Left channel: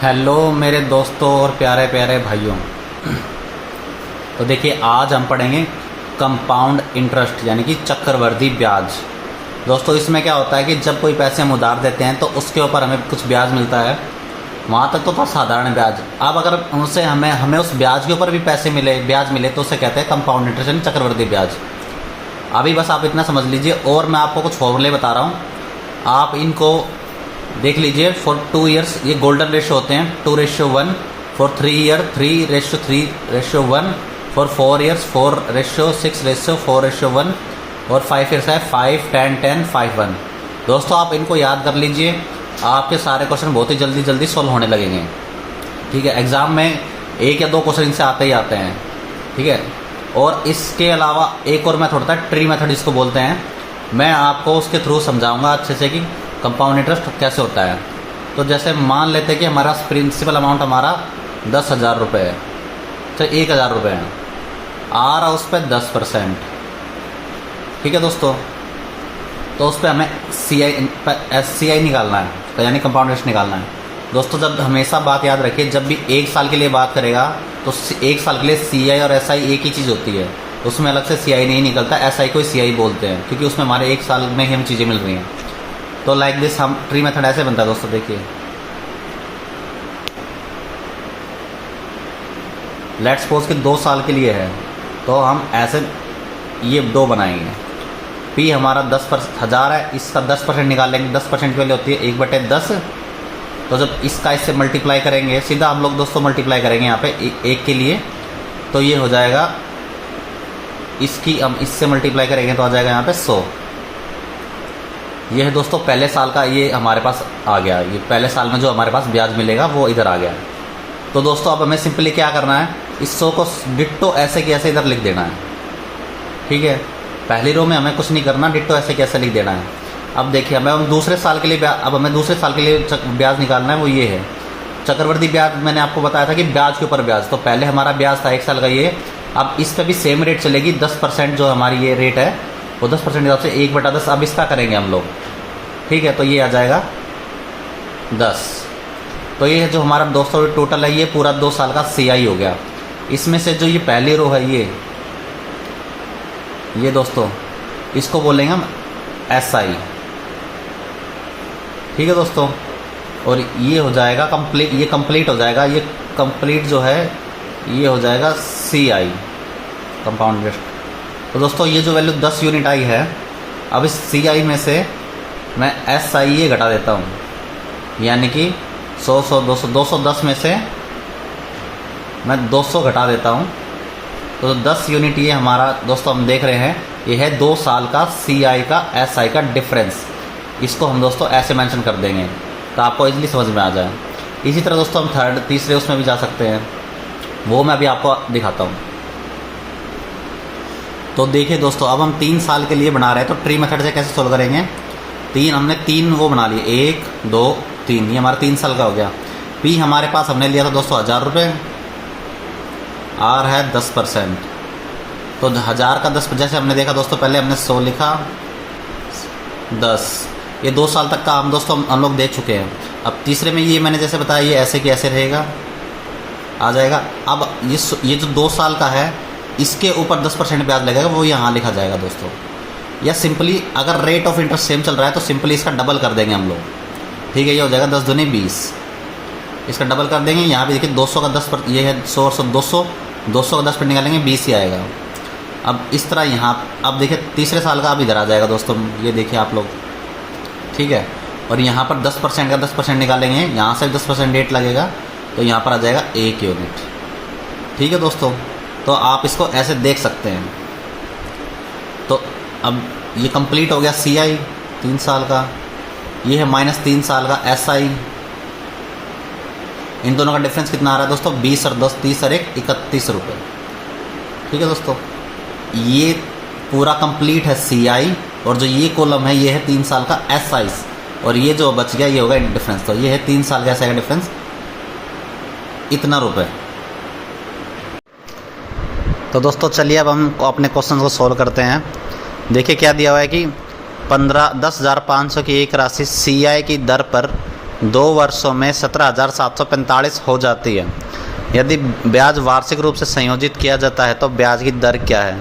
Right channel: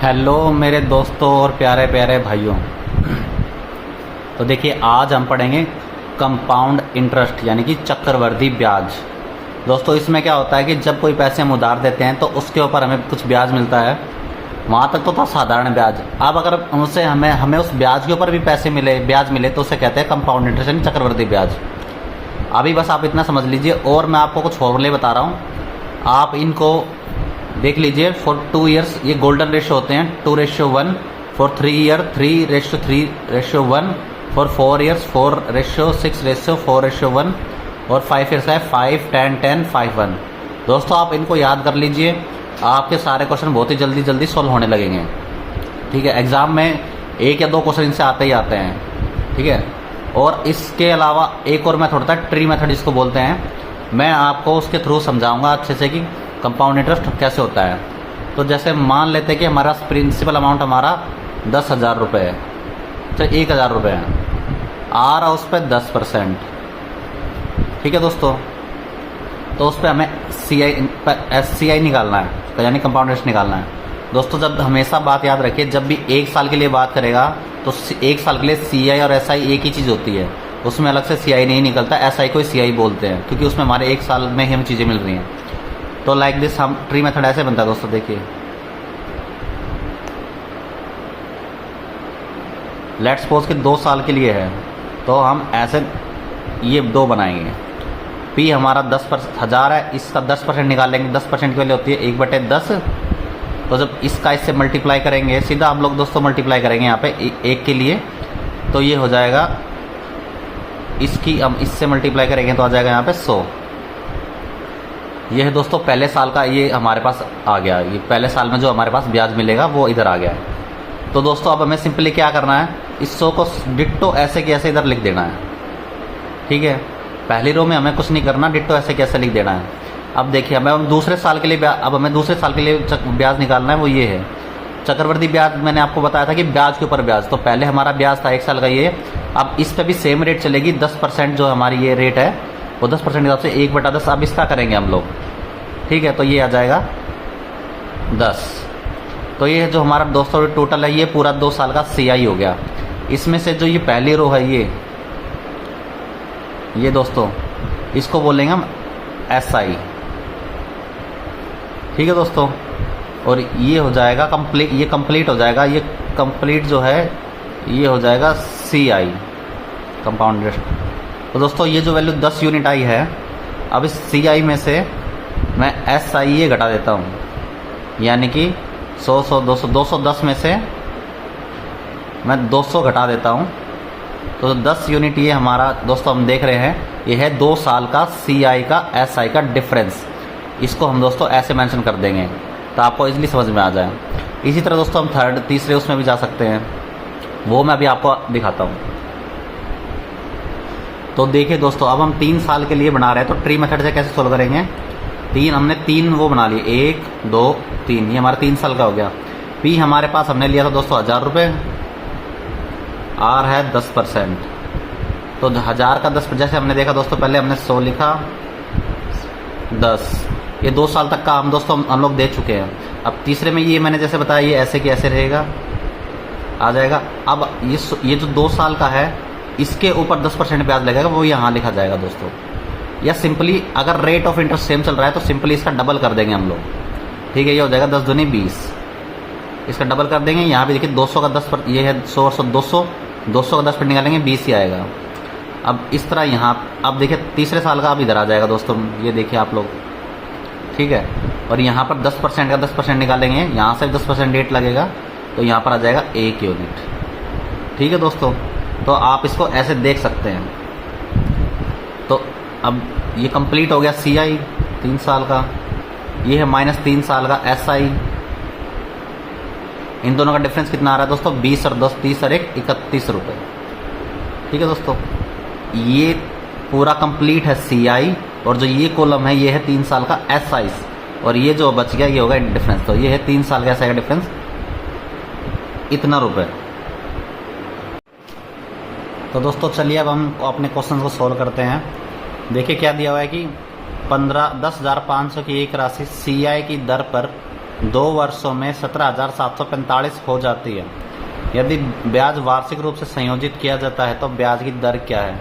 Hello मेरे दोस्तों और प्यारे प्यारे भाइयों। तो देखिए, आज हम पढ़ेंगे कंपाउंड इंटरेस्ट यानी कि चक्रवृद्धि ब्याज। दोस्तों, इसमें क्या होता है कि जब कोई पैसे हम उधार देते हैं तो उसके ऊपर हमें कुछ ब्याज मिलता है। वहाँ तक तो था साधारण ब्याज। अब अगर उनसे हमें उस ब्याज के ऊपर भी ब्याज मिले तो उसे कहते हैं कंपाउंड इंटरेस्ट यानी चक्रवृद्धि ब्याज। अभी बस आप इतना समझ लीजिए और मैं आपको कुछ फॉर्मूले बता रहा हूँ, आप इनको देख लीजिए। फॉर 2 ईयर्स ये गोल्डन रेशियो होते हैं 2:1, फॉर 3 ईयर 3:3:1, फॉर 4 ईयर्स 4:6:4:1 और 5 ईयर्स है 5:10:10:5:1। दोस्तों, आप इनको याद कर लीजिए, आपके सारे क्वेश्चन बहुत ही जल्दी जल्दी सॉल्व होने लगेंगे। ठीक है, एग्जाम में 1 या 2 क्वेश्चन इनसे आते ही आते हैं। ठीक है, और इसके अलावा एक और मेथड होता है, ट्री मेथड इसको बोलते हैं। मैं आपको उसके थ्रू समझाऊंगा अच्छे से कि कंपाउंड इंटरेस्ट कैसे होता है। तो जैसे मान लेते हैं कि हमारा प्रिंसिपल अमाउंट हमारा 10,000 रुपये है, तो 1,000 रुपये है, आ रहा उस पर 10%। ठीक है दोस्तों, तो उस पर हमें CI निकालना है, तो यानी कंपाउंड इंटरेस्ट निकालना है। दोस्तों, जब हमेशा बात याद रखिए, जब भी 1 साल के लिए बात करेगा तो 1 साल के लिए CI और SI एक ही चीज़ होती है, उसमें अलग से CI नहीं निकलता। SI को CI बोलते हैं क्योंकि उसमें हमारे 1 साल में ही हमें चीज़ें मिल रही हैं। तो लाइक दिस हम ट्री मेथड ऐसे बनता है दोस्तों। देखिए, लेट्स सपोज कि 2 साल के लिए है, तो हम ऐसे ये 2 बनाएंगे। P हमारा 10,000 है, इसका 10% निकालेंगे। 10% की वैल्यू होती है 1/10। तो जब इसका इससे मल्टीप्लाई करेंगे, सीधा हम लोग दोस्तों मल्टीप्लाई करेंगे यहाँ पे 1 के लिए, तो ये हो जाएगा, इसकी हम इससे मल्टीप्लाई करेंगे तो आ जाएगा यहाँ पे 100। ये है दोस्तों पहले साल का, ये हमारे पास आ गया। ये पहले साल में जो हमारे पास ब्याज मिलेगा वो इधर आ गया है। तो दोस्तों, अब हमें सिंपली क्या करना है, इस 100 को डिट्टो ऐसे की ऐसे इधर लिख देना है। ठीक है, पहली रो में हमें कुछ नहीं करना, डिट्टो ऐसे की ऐसे लिख देना है। अब देखिए, हमें दूसरे साल के लिए ब्याज निकालना है, वो ये है चक्रवृद्धि ब्याज। मैंने आपको बताया था कि ब्याज के ऊपर ब्याज, तो पहले हमारा ब्याज था 1 साल का ये। अब इस पर भी सेम रेट चलेगी, 10% जो हमारी ये रेट है वो 10% के हिसाब से 1/10। अब इसका करेंगे हम लोग। ठीक है, तो ये आ जाएगा 10। तो ये जो हमारा 200 टोटल है, ये पूरा 2 साल का CI हो गया। इसमें से जो ये पहली रो है, ये दोस्तों इसको बोलेंगे हम SI। ठीक है दोस्तों, और ये हो जाएगा कंप्लीट, ये कंप्लीट हो जाएगा, ये कंप्लीट जो है ये हो जाएगा CI कंपाउंड इंटरेस्ट। तो दोस्तों, ये जो वैल्यू 10 यूनिट आई है, अब इस CI में से मैं SI ये घटा देता हूँ, यानी कि 100 200 210 में से मैं 200 घटा देता हूँ। तो 10 यूनिट ये हमारा दोस्तों हम देख रहे हैं, ये है 2 साल का CI का SI का डिफरेंस। इसको हम दोस्तों ऐसे मेंशन कर देंगे तो आपको इजीली समझ में आ जाए। इसी तरह दोस्तों हम तीसरे उसमें भी जा सकते हैं, वो मैं अभी आपको दिखाता हूँ। तो देखिए दोस्तों, अब हम 3 साल के लिए बना रहे हैं, तो ट्री मेथड से कैसे सोल्व करेंगे। हमने 3 वो बना लिए, 1 2 3, ये हमारा 3 साल का हो गया। P हमारे पास हमने लिया था दोस्तों 1,000 रुपये, R है 10%, तो 1,000 का 10, जैसे हमने देखा दोस्तों, पहले हमने 100 लिखा, 10, ये 2 साल तक का हम दोस्तों हम लोग देख चुके हैं। अब तीसरे में ये मैंने जैसे बताया, ये ऐसे कि ऐसे रहेगा, आ जाएगा। अब ये जो 2 साल का है, इसके ऊपर 10% ब्याज लगेगा, वो यहाँ लिखा जाएगा दोस्तों। या सिंपली अगर रेट ऑफ इंटरेस्ट सेम चल रहा है तो सिंपली इसका डबल कर देंगे हम लोग। ठीक है, ये हो जाएगा 10 दूनी 20, इसका डबल कर देंगे। यहाँ पे देखिए 200 का 10%, ये है 100 200 का 10% निकालेंगे, 20 ही आएगा। अब इस तरह यहाँ, अब देखिए तीसरे साल का अब इधर आ जाएगा दोस्तों, ये देखिए आप लोग। ठीक है, और यहाँ पर 10% का 10% निकालेंगे, यहाँ से 10% रेट लगेगा, तो यहाँ पर आ जाएगा 1 यूनिट। ठीक है दोस्तों, तो आप इसको ऐसे देख सकते हैं। तो अब ये कंप्लीट हो गया CI 3 साल का, ये है -3 साल का SI। इन दोनों का डिफरेंस कितना आ रहा है दोस्तों, 20 और 10, 30 और 1 31 रुपये। ठीक है दोस्तों, ये पूरा कंप्लीट है CI, और जो ये कॉलम है ये है 3 साल का SI, और ये जो बच गया ये होगा डिफरेंस। तो ये है 3 साल का SI का डिफरेंस, इतना रुपये। तो दोस्तों चलिए अब हम अपने क्वेश्चन को सॉल्व करते हैं। देखिए क्या दिया हुआ है कि 10,500 की एक राशि CI की दर पर 2 वर्षों में 17,745 हो जाती है। यदि ब्याज वार्षिक रूप से संयोजित किया जाता है तो ब्याज की दर क्या है।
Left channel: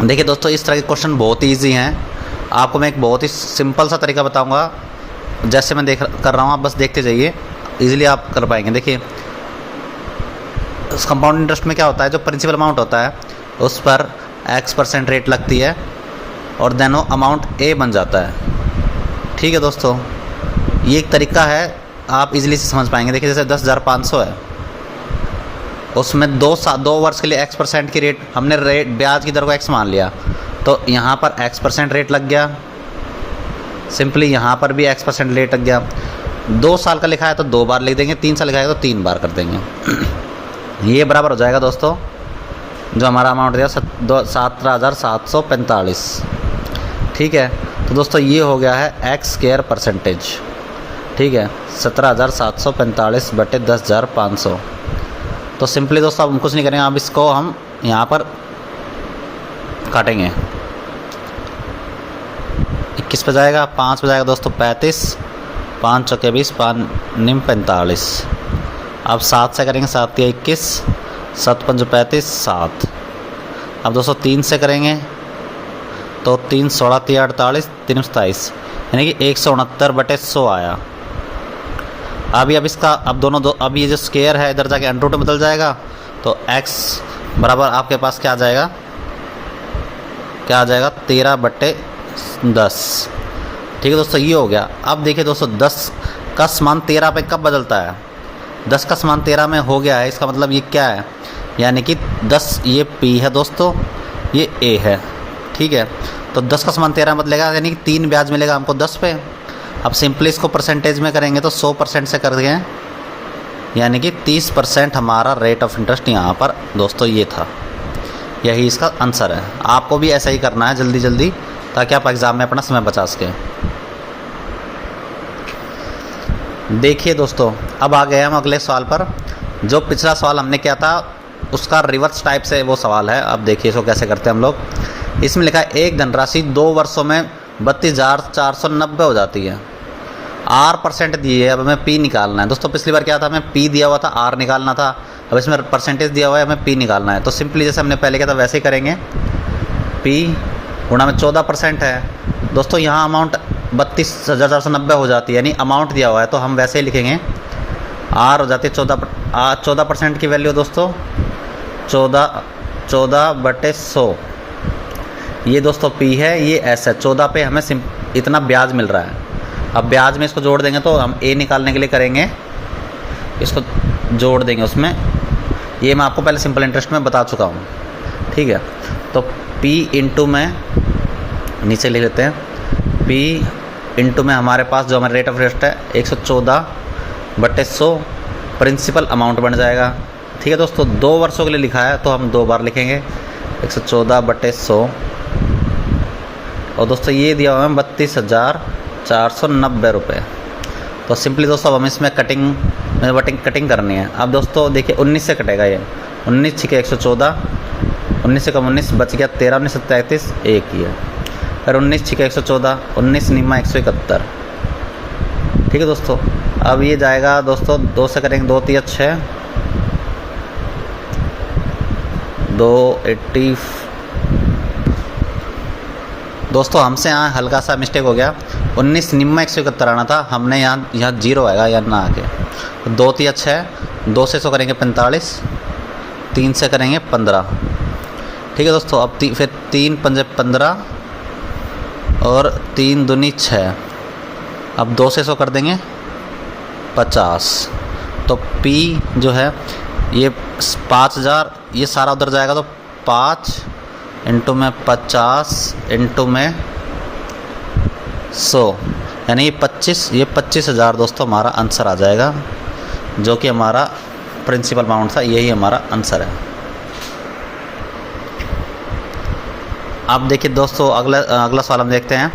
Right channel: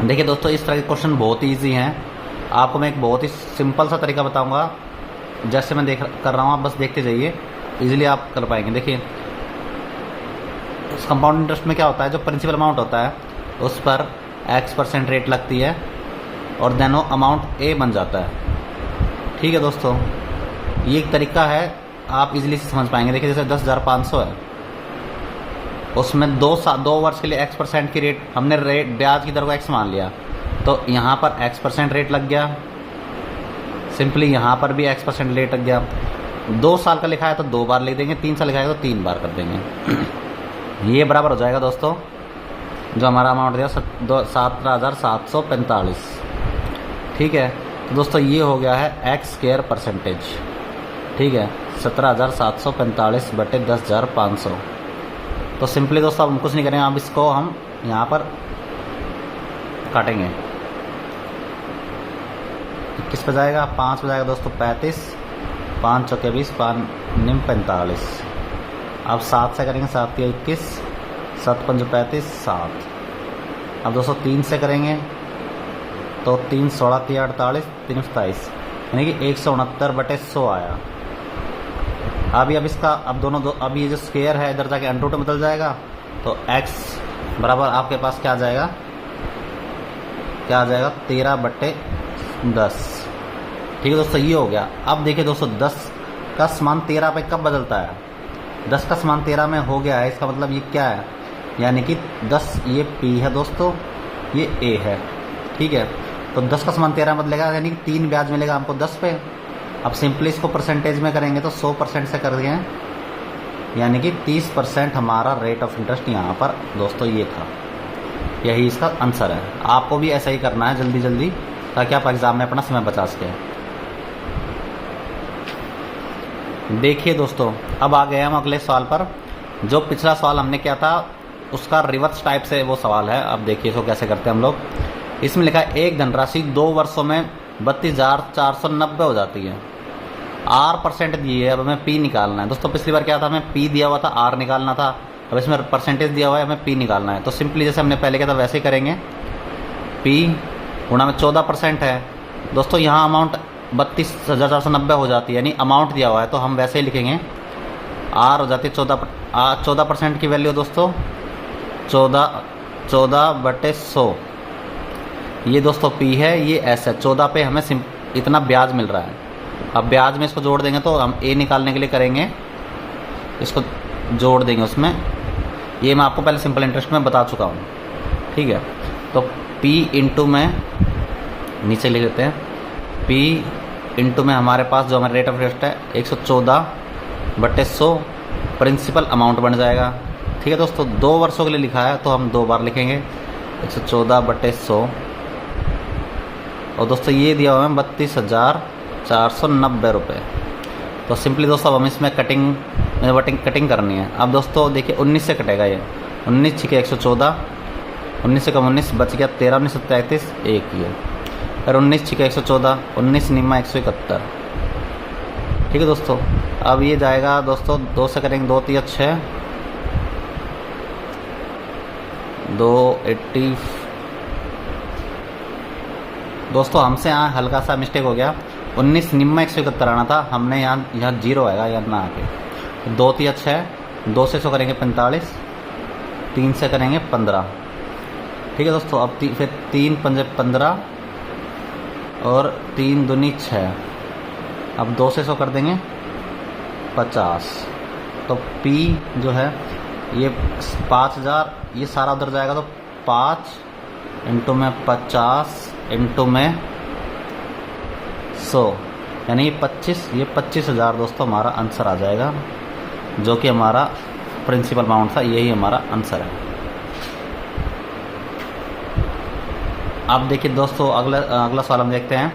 देखिए दोस्तों, इस तरह के क्वेश्चन बहुत ही ईजी हैं। आपको मैं एक बहुत ही सिंपल सा तरीका बताऊंगा, जैसे मैं कर रहा हूँ, आप बस देखते जाइए, इजीली आप कर पाएंगे। देखिए, उस कंपाउंड इंटरेस्ट में क्या होता है, जो प्रिंसिपल अमाउंट होता है उस पर x% रेट लगती है और देन वो अमाउंट ए बन जाता है। ठीक है दोस्तों, ये एक तरीका है, आप इजीली से समझ पाएंगे। देखिए, जैसे 10,500 है, उसमें 2 वर्ष के लिए x% की रेट, हमने रेट ब्याज की दर को x मान लिया, तो यहाँ पर x% रेट लग गया। सिंपली यहाँ पर भी x% रेट लग गया। 2 साल का लिखा है तो 2 बार लिख देंगे, 3 साल लिखा है तो 3 बार कर देंगे। ये बराबर हो जाएगा दोस्तों, जो हमारा अमाउंट दिया 17,745। ठीक है, तो दोस्तों ये हो गया है x²%। ठीक है, 17,745 बटे 10,500। तो सिंपली दोस्तों अब हम कुछ नहीं करेंगे, अब इसको हम यहाँ पर काटेंगे। 21 पे जाएगा, 5 पे जाएगा दोस्तों 35, 5 चौके 20, 5 निम 45। अब 7 से करेंगे, 7 या 21, 7 5 35, 7। अब दोस्तों 3 से करेंगे तो 3 16 3 48 3 27, यानी कि 169 बटे 100 आया। अभी अब इसका अब ये जो स्क्वायर है इधर जाके अंडर रूट में बदल जाएगा, तो x बराबर आपके पास क्या आ जाएगा, 13 बटे 10। ठीक है दोस्तों, ये हो गया। अब देखिए दोस्तों, 10 का मान 13 पे कब बदलता है, 10 का मान 13 में हो गया है, इसका मतलब ये क्या है, यानी कि 10 ये p है दोस्तों, ये a है। ठीक है, तो 10 का मान 13 बदलेगा, यानी कि 3 ब्याज मिलेगा हमको 10 पे। अब सिंपली इसको परसेंटेज में करेंगे तो 100% से कर देंगे, यानी कि 30% हमारा रेट ऑफ इंटरेस्ट यहाँ पर दोस्तों ये था। यही इसका आंसर है। आपको भी ऐसा ही करना है जल्दी जल्दी, ताकि आप एग्ज़ाम में अपना समय बचा सकें। देखिए दोस्तों, अब आ गए हम अगले सवाल पर। जो पिछला सवाल हमने किया था उसका रिवर्स टाइप से वो सवाल है। अब देखिए इसको कैसे करते हैं हम लोग। इसमें लिखा है एक धनराशि 2 वर्षों में 32,490 हो जाती है। R% दिए है, अब हमें P निकालना है। दोस्तों पिछली बार क्या था, हमें P दिया हुआ था, R निकालना था। अब इसमें परसेंटेज दिया हुआ है, हमें P निकालना है। तो सिंपली जैसे हमने पहले किया था वैसे ही करेंगे। P गुणा में 14% है दोस्तों, यहाँ अमाउंट 32,490 हो जाती है, यानी अमाउंट दिया हुआ है, तो हम वैसे ही लिखेंगे। R हो जाती है 14% की वैल्यू दोस्तों 14 बटे 100। ये दोस्तों P है, ये S है। 14 पे हमें इतना ब्याज मिल रहा है। अब ब्याज में इसको जोड़ देंगे तो हम A निकालने के लिए करेंगे, इसको जोड़ देंगे उसमें। ये मैं आपको पहले सिंपल इंटरेस्ट में बता चुका हूँ। ठीक है, तो P इंटू में नीचे लिख लेते हैं, P इंटू में हमारे पास जो हमारा रेट ऑफ इंटरेस्ट है 114 बटे 100 प्रिंसिपल अमाउंट बन जाएगा। ठीक है दोस्तों, 2 वर्षों के लिए लिखा है तो हम 2 बार लिखेंगे, 114 बटे 100। और दोस्तों ये दिया हुआ है 32,490 रुपये। तो सिंपली दोस्तों अब हम इसमें कटिंग करनी है। अब दोस्तों देखिए 19 से कटेगा, ये 19 छिके 114, 19 से कम 19 बच गया 13, 19 33 एक ही है। फिर 19 छिके 114, 19 निम्मा 171। ठीक है दोस्तों, अब ये जाएगा दोस्तों 2 से करेंगे, 2 3 6, 280। दोस्तों हमसे यहाँ हल्का सा मिस्टेक हो गया, 19 निम्मा 171 आना था, हमने यहाँ 0 आएगा, यहाँ ना आके 2 3 6, 2 से 100 करेंगे 45, 3 से करेंगे 15। ठीक है दोस्तों, अब फिर 3 पंजे 15 और 3 दूनी 6। अब 2 से 100 कर देंगे 50। तो P जो है ये 5,000, ये सारा उधर जाएगा, तो 5 इंटू में 50 इंटू में 100, यानी ये 25,000 दोस्तों हमारा आंसर आ जाएगा, जो कि हमारा प्रिंसिपल अमाउंट था। यही हमारा आंसर है। अब देखिए दोस्तों अगला सवाल हम देखते हैं।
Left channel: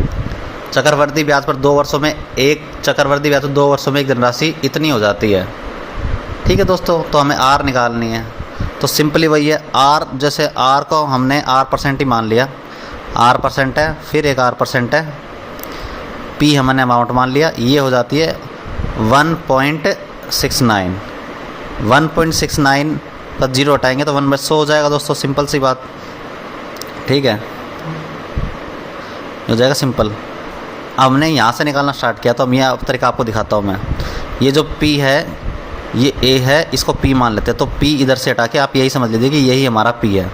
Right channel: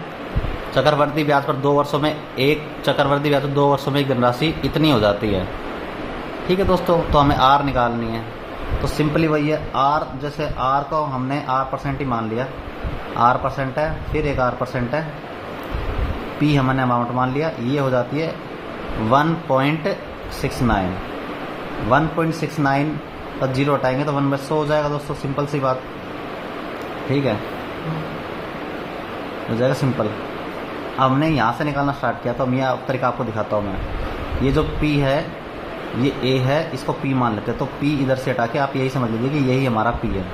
चक्रवर्ती ब्याज पर 2 वर्षों में एक धनराशि इतनी हो जाती है। ठीक है दोस्तों, तो हमें R निकालनी है। तो सिंपली वही है, R जैसे R को हमने R% ही मान लिया, R% है, फिर एक R% है, पी हमने अमाउंट मान लिया, ये हो जाती है 1.69। 1.69 पर जीरो हटाएंगे तो 1/100 हो जाएगा दोस्तों, सिंपल सी बात, ठीक है, हो जाएगा सिंपल। हमने यहाँ से निकालना स्टार्ट किया तो अब यह तरीका आपको दिखाता हूँ मैं। ये जो P है ये A है, इसको P मान लेते हैं, तो P इधर से हटा के आप यही समझ लीजिए कि यही हमारा P है,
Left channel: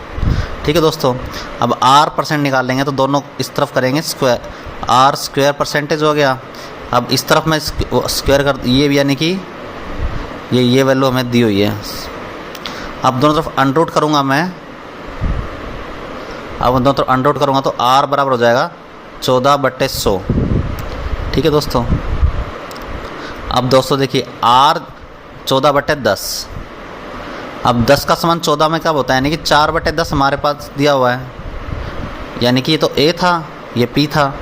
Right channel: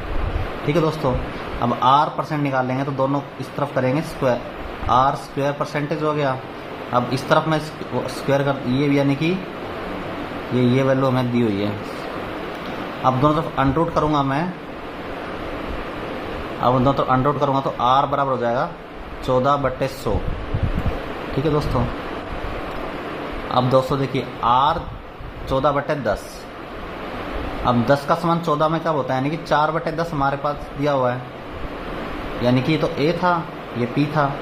ठीक है दोस्तों। अब R परसेंट निकाल लेंगे तो दोनों इस तरफ करेंगे स्क्वायर, R स्क्वायर परसेंटेज हो गया। अब इस तरफ में स्क्वायर कर, ये यानी कि ये वैल्यू हमें दी हुई है। अब दोनों तरफ अंडररूट करूँगा मैं, अब दोनों तरफ अंडररूट करूँगा तो R बराबर हो जाएगा 14/100, ठीक है दोस्तों। अब दोस्तों देखिए R 14/10, अब 10 का समान 14 में कब होता है, यानी कि 4/10 हमारे पास दिया हुआ है, यानी कि ये तो A था, ये P था,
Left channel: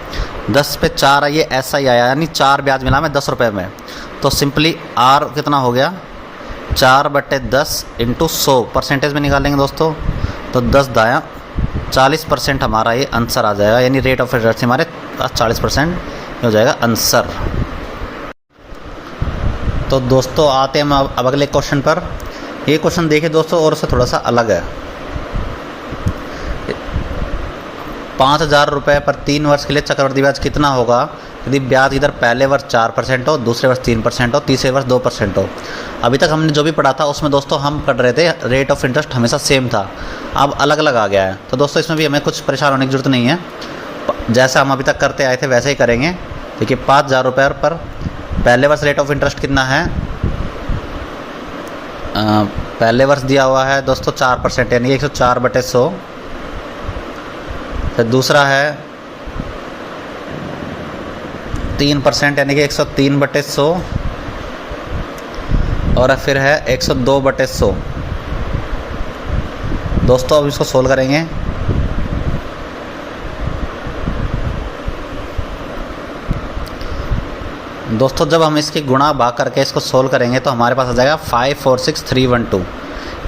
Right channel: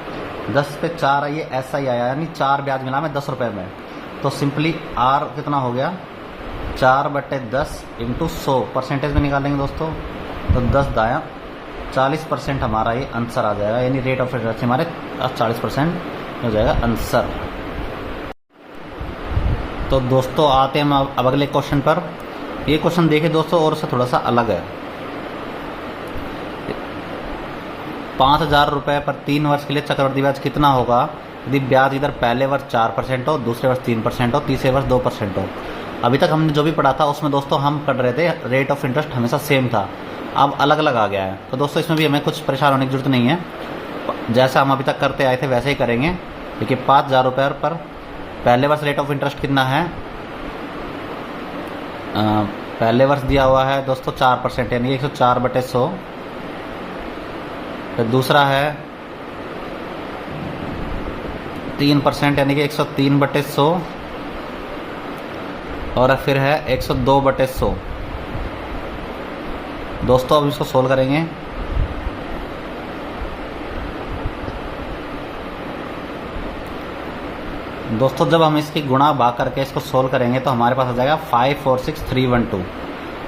10 पे 4 ये ऐसा ही आया, यानी 4 ब्याज मिला मैं 10 रुपये में। तो सिंपली R कितना हो गया 4/10 इंटू 100 परसेंटेज में निकालेंगे दोस्तों, तो 10 दाया 40% हमारा ये आंसर आ जाएगा, यानी रेट ऑफ इंटरेस्ट हमारे 40% हो जाएगा आंसर। तो दोस्तों आते हैं हम अब अगले क्वेश्चन पर। ये क्वेश्चन देखिए दोस्तों और उससे थोड़ा सा अलग है। 5,000 रुपये पर 3 वर्ष के लिए चक्रवृद्धि ब्याज कितना होगा यदि ब्याज इधर पहले वर्ष 4% हो, दूसरे वर्ष 3% हो, तीसरे वर्ष 2% हो। अभी तक हमने जो भी पढ़ा था उसमें दोस्तों हम पढ़ रहे थे रेट ऑफ इंटरेस्ट हमेशा सेम था, अब अलग अलग आ गया है। तो दोस्तों इसमें भी हमें कुछ परेशान होने की ज़रूरत नहीं है, जैसा हम अभी तक करते आए थे वैसे ही करेंगे। देखिए 5,000 रुपये पर पहले वर्ष रेट ऑफ इंटरेस्ट कितना है, पहले वर्ष दिया हुआ है दोस्तों 4%, यानी 104/100। फिर दूसरा है 3% यानी कि 103/100, और फिर है 102/100। दोस्तों अब इसको सोल्व करेंगे। दोस्तों जब हम इसकी गुणा भाग करके इसको सोल्व करेंगे तो हमारे पास आ जाएगा 546,312।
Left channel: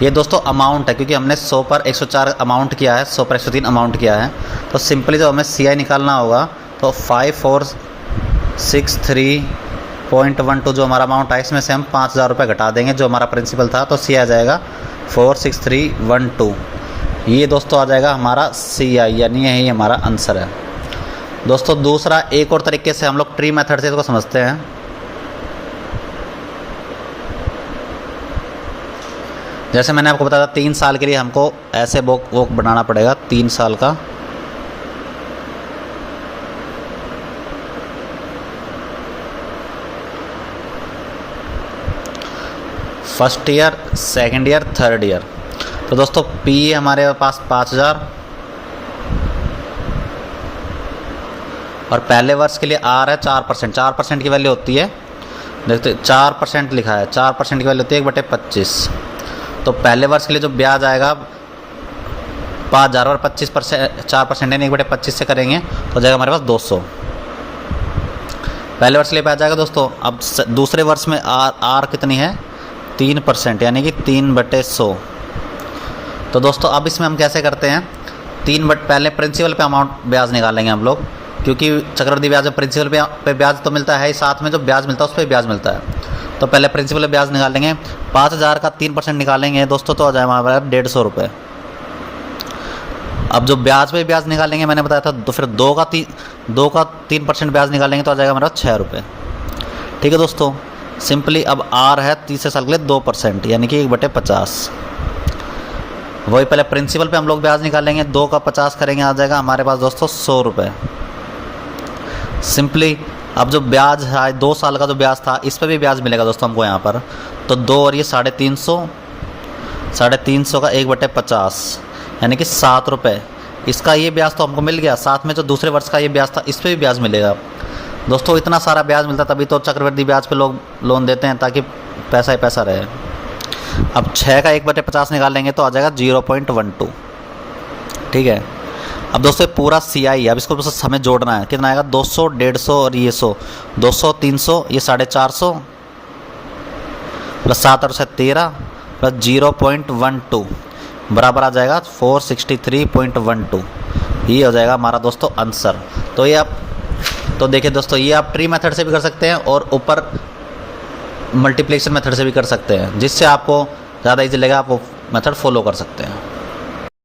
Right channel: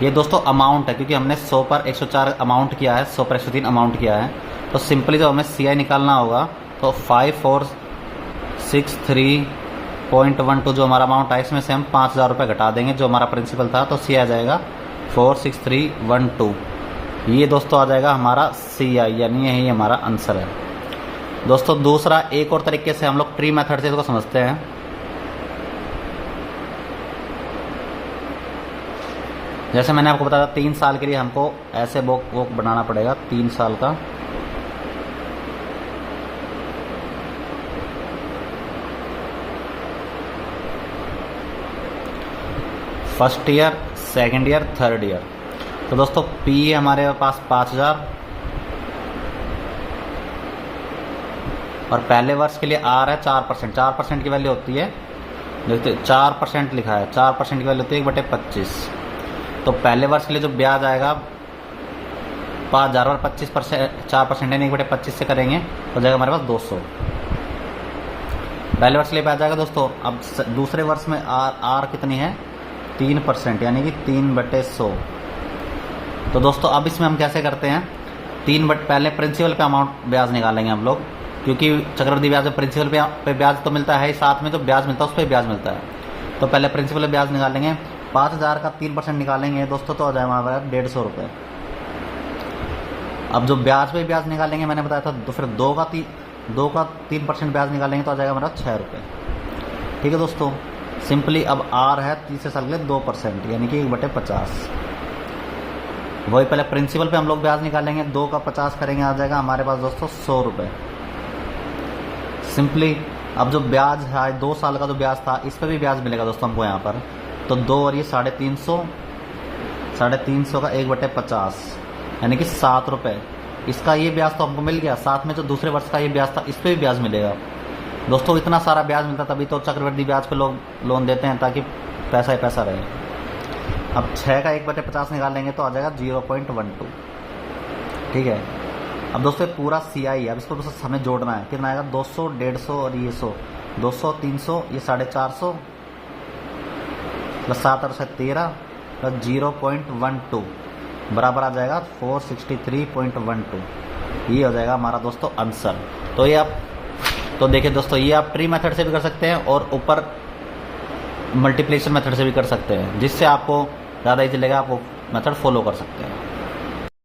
ये दोस्तों अमाउंट है, क्योंकि हमने 100 पर 104 अमाउंट किया है, 100 पर 103 अमाउंट किया है। तो सिंपली जब हमें CI निकालना होगा तो 546,312 जो हमारा अमाउंट है इसमें से हम 5,000 रुपये घटा देंगे जो हमारा प्रिंसिपल था, तो CI आ जाएगा 46312। ये दोस्तों आ जाएगा हमारा CI, यानी यही हमारा आंसर है। दोस्तों दूसरा एक और तरीके से हम लोग ट्री मेथड से इसको समझते हैं। जैसे मैंने आपको बताया 3 साल के लिए हमको ऐसे बुक बनाना पड़ेगा, 3 साल का। First year, second year, third year. तो दोस्तों P हमारे पास 5,000 और पहले वर्ष के लिए R है 4%। 4% की वैल्यू होती है, देखते 4% लिखा है, 4% की वैल्यू होती है 1/25। तो पहले वर्ष के लिए जो ब्याज आएगा 5,000 और 25% 4% यानी 1/25 से करेंगे तो जाएगा हमारे पास 200। पहले वर्ष के लिए ब्याज आएगा दोस्तों। अब दूसरे वर्ष में R कितनी है 3%, यानी कि 3/100। तो दोस्तों अब इसमें हम कैसे करते हैं, पहले प्रिंसिपल पे अमाउंट ब्याज निकालेंगे हम लोग, क्योंकि चक्रवृद्धि ब्याज प्रिंसिपल पे ब्याज तो मिलता है ही, साथ में जो ब्याज मिलता है उस पर ब्याज मिलता है। तो पहले प्रिंसिपल पे ब्याज निकालेंगे, 5,000 का 3% निकालेंगे दोस्तों तो आ जाएगा हमारा 150 रुपये। अब जो ब्याज पे ब्याज निकालेंगे मैंने बताया था, तो फिर 2 का 3% ब्याज निकालेंगे तो आ जाएगा हमारा 6 रुपये। ठीक है दोस्तों, सिंपली अब R है तीसरे साल के लिए 2%, यानी कि 1/50। वही पहले प्रिंसिपल पे हम लोग ब्याज निकालेंगे, 2 का 50 करेंगे, आ जाएगा हमारे पास दोस्तों 100 रुपये। सिंपली अब जो ब्याज है 2 साल का जो ब्याज था इस पर भी ब्याज मिलेगा दोस्तों हमको यहाँ पर। तो 2 और ये 350 का 1/50 यानी कि 7 रुपये। इसका ये ब्याज तो हमको मिल गया, साथ में जो दूसरे वर्ष का ये ब्याज था इस पर भी ब्याज मिलेगा दोस्तों। इतना सारा ब्याज मिलता तभी तो चक्रवृद्धि ब्याज पे लोग लोन देते हैं, ताकि पैसा ही पैसा रहे। अब 6 का 1/50 निकालेंगे तो आ जाएगा 0.12। ठीक है, अब दोस्तों पूरा CI है, अब इसको बस हमें जोड़ना है। कितना आएगा 200, 150 और ये 100, 200, 300, ये 450 प्लस 7 और 13 प्लस 0.12 बराबर आ जाएगा 463.12। ये हो जाएगा हमारा दोस्तों आंसर। तो ये आप तो देखिए दोस्तों, ये आप ट्री मेथड से भी कर सकते हैं और ऊपर मल्टीप्लिकेशन मेथड से भी कर सकते हैं, जिससे आपको ज़्यादा ईजी लगेगा, आप वो मेथड फॉलो कर सकते हैं।